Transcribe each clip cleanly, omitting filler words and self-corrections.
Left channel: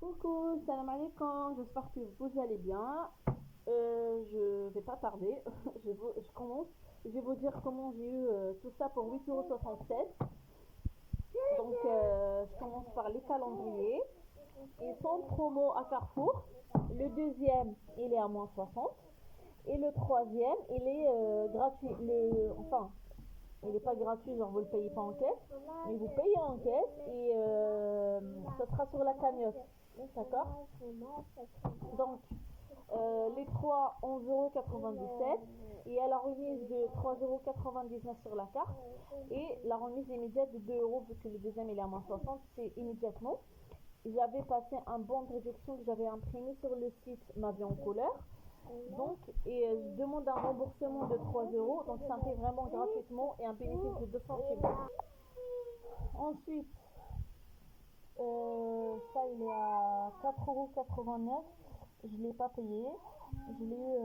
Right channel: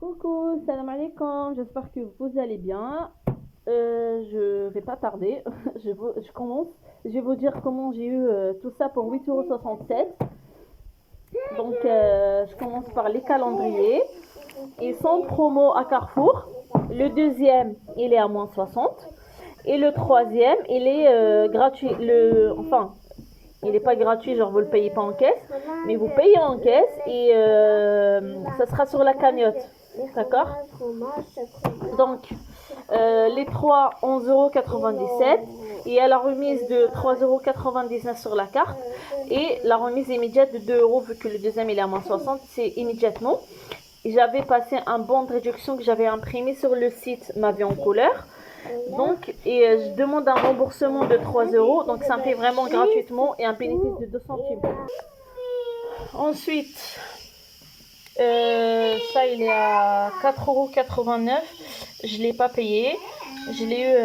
Coucou, salam alaikum, j'espère que vous allez bien. Je vais pas tarder, je commence. Je vais vous dire comment j'ai eu tout ça pour 8,67 €. Donc, je commence par les calendriers. Ils sont promo à Carrefour. Le deuxième, il est à moins 60. Et le troisième, il est gratuit. Enfin, il n'est pas gratuit, genre vous le payez pas en caisse, mais vous payez en caisse et ça sera sur la cagnotte. D'accord. Donc, les 3, 11,97 € et à la remise de 3,99 € sur la carte et la remise immédiate de 2 € vu que le deuxième il est à moins 60, c'est immédiatement. J'avais passé un bon de réduction que j'avais imprimé sur le site Ma Vie en couleur. Donc, je demande un remboursement de 3 €. Donc, ça me fait vraiment gratuitement et un bénéfice de 2 centimes. Ensuite, ça, il est à 4,89 €. Je ne l'ai pas payé. Je l'ai eu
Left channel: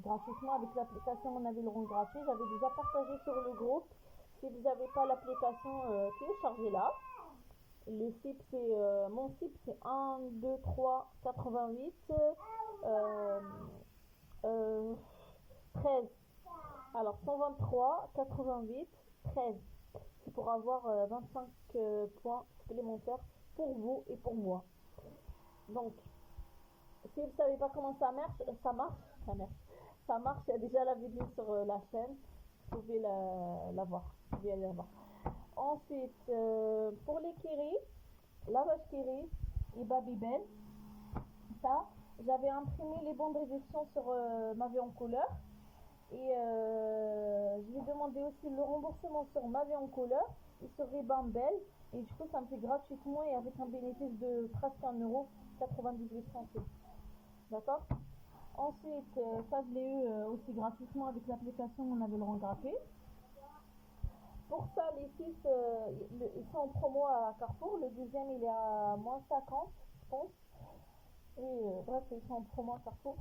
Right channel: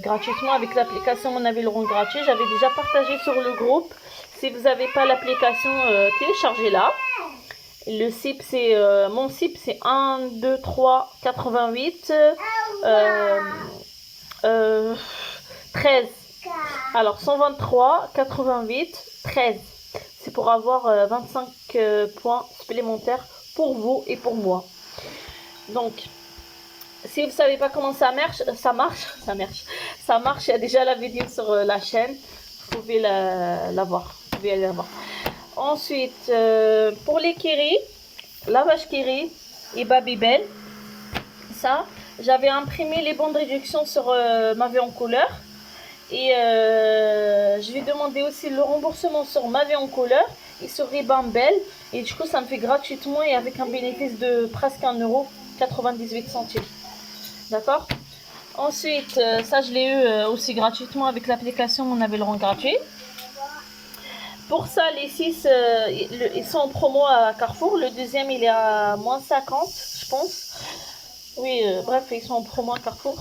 gratuitement avec l'application Mon Avis le rond gratuit. J'avais déjà partagé sur le groupe. Si vous n'avez pas l'application, téléchargez-la. Le CIP, c'est mon CIP, c'est 1, 2, 3, 88. 13. Alors 123, 88, 13. C'est pour avoir 25 points supplémentaires pour vous et pour moi. Donc, si vous ne savez pas comment ça marche, il y a déjà la vidéo sur la chaîne. Vous pouvez la voir. Vous pouvez aller la voir. Ensuite, pour les Kiri, la vache Kiri et Babybel, ça, j'avais imprimé les bons de réduction sur Ma Vie en couleur. Et je vais demander aussi le remboursement sur Ma Vie en couleur et sur Ribambelle. Et du coup, ça me fait gratuitement et avec un bénéfice de presque 1,98 €. D'accord. Ensuite, ça, je l'ai eu aussi gratuitement avec l'application Mon Avis le rond gratuit. Pour ça, les 6, ils sont en promo à Carrefour. Le deuxième, il est à moins 50, je pense. Oui, bref, ils sont en promo à Carrefour.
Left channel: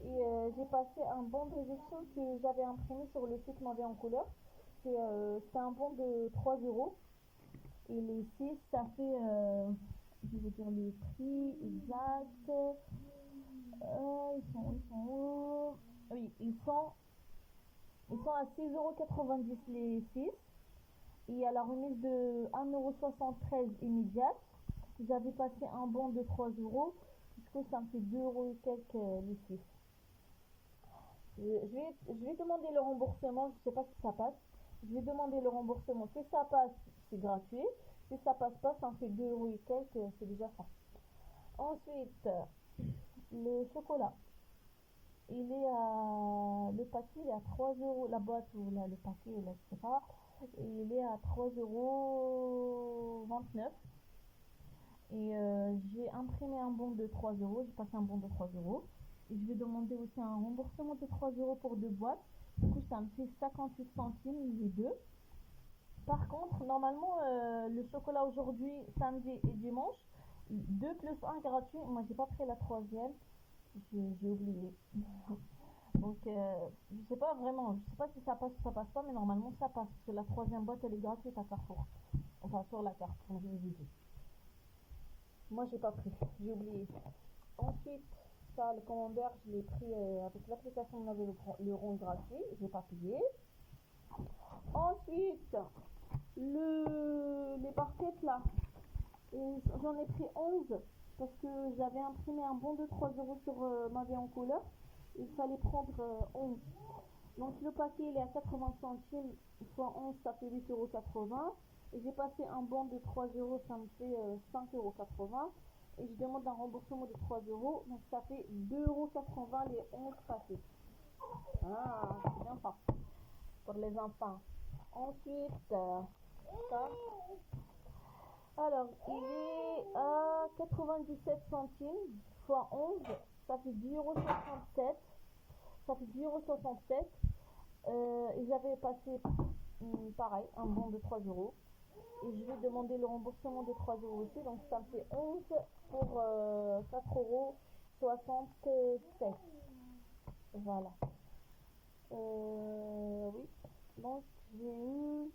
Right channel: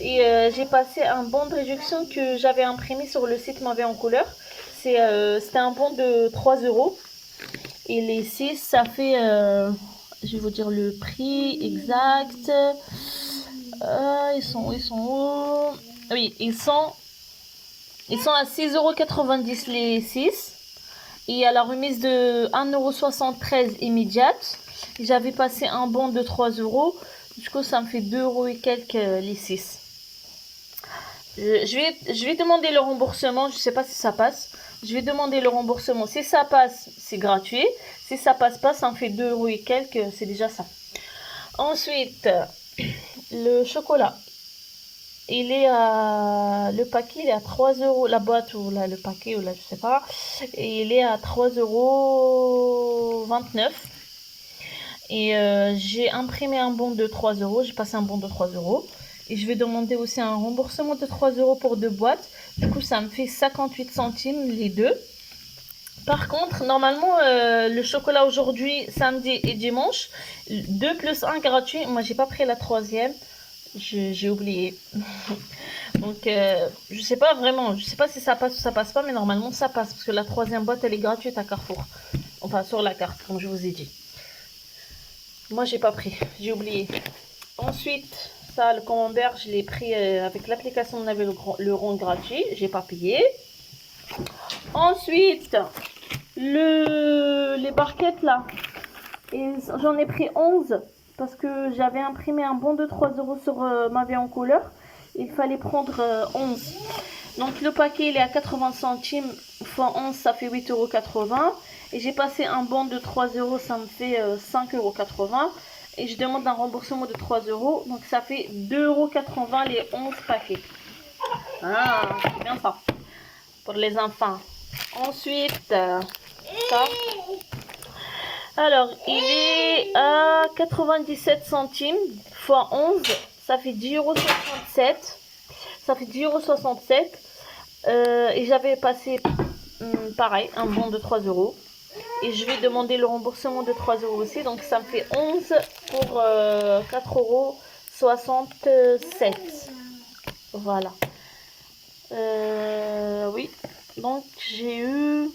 Et j'ai passé un bon de réduction que j'avais imprimé sur le site Ma Vie en couleur. C'était un bon de 3 €. Et les 6, ça fait, je vais vous dire le prix exact. Ils sont où? Oui, ils sont à 6,90 € les 6. Et à la remise de 1,73 € immédiate. J'avais passé un bon de 3 €. Du coup, ça me fait 2 € et quelques les 6. Je vais demander le remboursement. Je ne sais pas si ça passe. Je vais demander le remboursement. Si ça passe, c'est gratuit. Si ça passe pas, ça me fait 2 € et quelques. C'est déjà ça. Ensuite, le chocolat. Le paquet, il est à 3 €. La boîte ou là, le paquet, ou là, je sais pas. Et il est à 3,29 €. Et j'ai imprimé un bon de 3 €. J'ai passé un bon de 3 €. Et je vais demander aussi un remboursement de 3 € pour 2 boîtes. Du coup, ça me fait 58 centimes les deux. Par contre, normalement, le chocolat aujourd'hui, samedi et dimanche, 2 plus 1 gratuit. Moi, j'ai pas pris la troisième. J'ai oublié. Donc, je sais pas vraiment. Je sais pas si ça passe ou ça passe pas, mais normalement, ça passe. Parce que la troisième boîte, elle est gratuite à Carrefour. Enfin, sur la carte, comme je vous ai dit. Moi, j'ai pas pris. J'ai oublié. Ensuite, ça, le camembert, je l'ai pris avec l'application On Avait le rond gratuit. J'ai pas payé. Ensuite, les barquettes là. J'en ai pris 11 parce que j'avais imprimé un bon de 3 € sur Ma Vie en couleur. Il fallait prendre 11. Donc le paquet il est à 80 centimes fois 11, ça fait 8,80 €. Et j'ai passé un bon de 3 €, ça me fait 5,80 €. Et je demande un remboursement de 3 €. Donc ça fait 2,80 € les 11 paquets. Ah, c'est bien ça. Pour les enfants. Ensuite, ça. Alors, il est à 97 centimes fois 11. Ça fait 10,67 €. Ça fait 10,67 €. Et j'avais passé, pareil, un bon de 3 €. Et je vais demander le remboursement de 3 € aussi. Donc, ça me fait 11 pour 4,67 €. Voilà. Oui. Donc, j'ai eu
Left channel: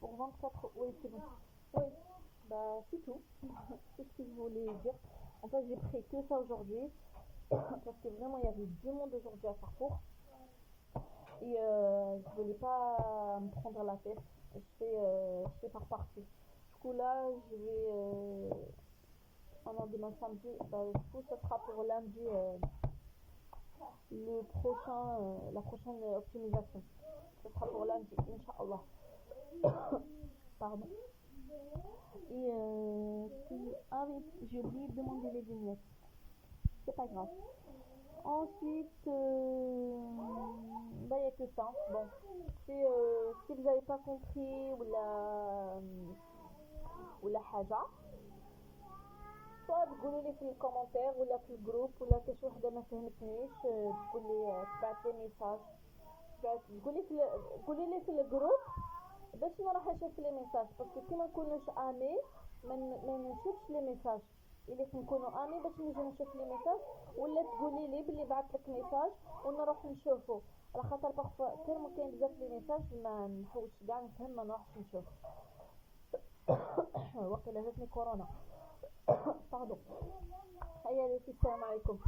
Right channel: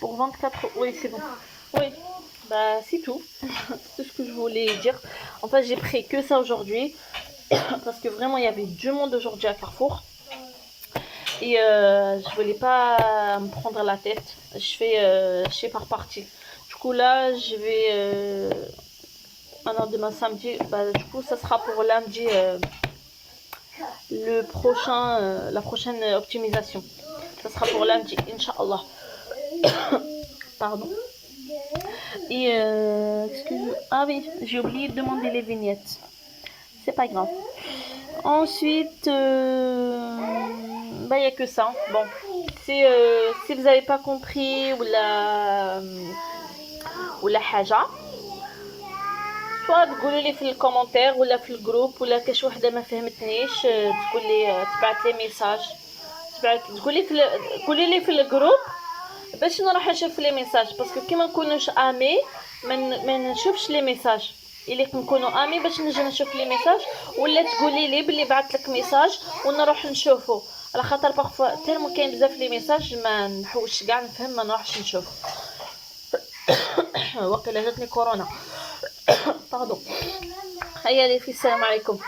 pour 24 €. Oui, c'est bon. Oui. Bah, c'est tout. C'est tout ce que je voulais dire. En fait, j'ai pris que ça aujourd'hui. Parce que vraiment, il y avait du monde aujourd'hui à Carrefour. Et je voulais pas me prendre la tête. Je fais par partie. Du coup, là, je vais. Maintenant, demain samedi. Bah, du coup, ça sera pour lundi. La prochaine optimisation. Ça sera pour lundi, Inch'Allah. Pardon. Et ah oui, j'ai oublié de demander les vignettes. C'est pas grave. Ensuite, bah, il n'y a que ça. Bon, si vous n'avez pas compris ou la haja, soit تقولوا لي في الكومنتير ولا في الجروب ولا كاش وحده ما فهمتنيش تقول لي تبعت لي ميساج قولي لي في الجروب باش نروح نشوف لي ميساج باسكو كي ما نكونوش امي ما نشوفش لي ميساج اللي نكونوا امي باش نجي نشوف لي ميساج ولا تقولي لي بلي بعثت لك ميساج ونروح نشوفه على خاطر بارفوا تيرمو كاين بزاف لي ميساج ما نحوش كاع نفهم ما نروحش نشوف وقيلا جاتني كورونا باردون هيا لي في السلام عليكم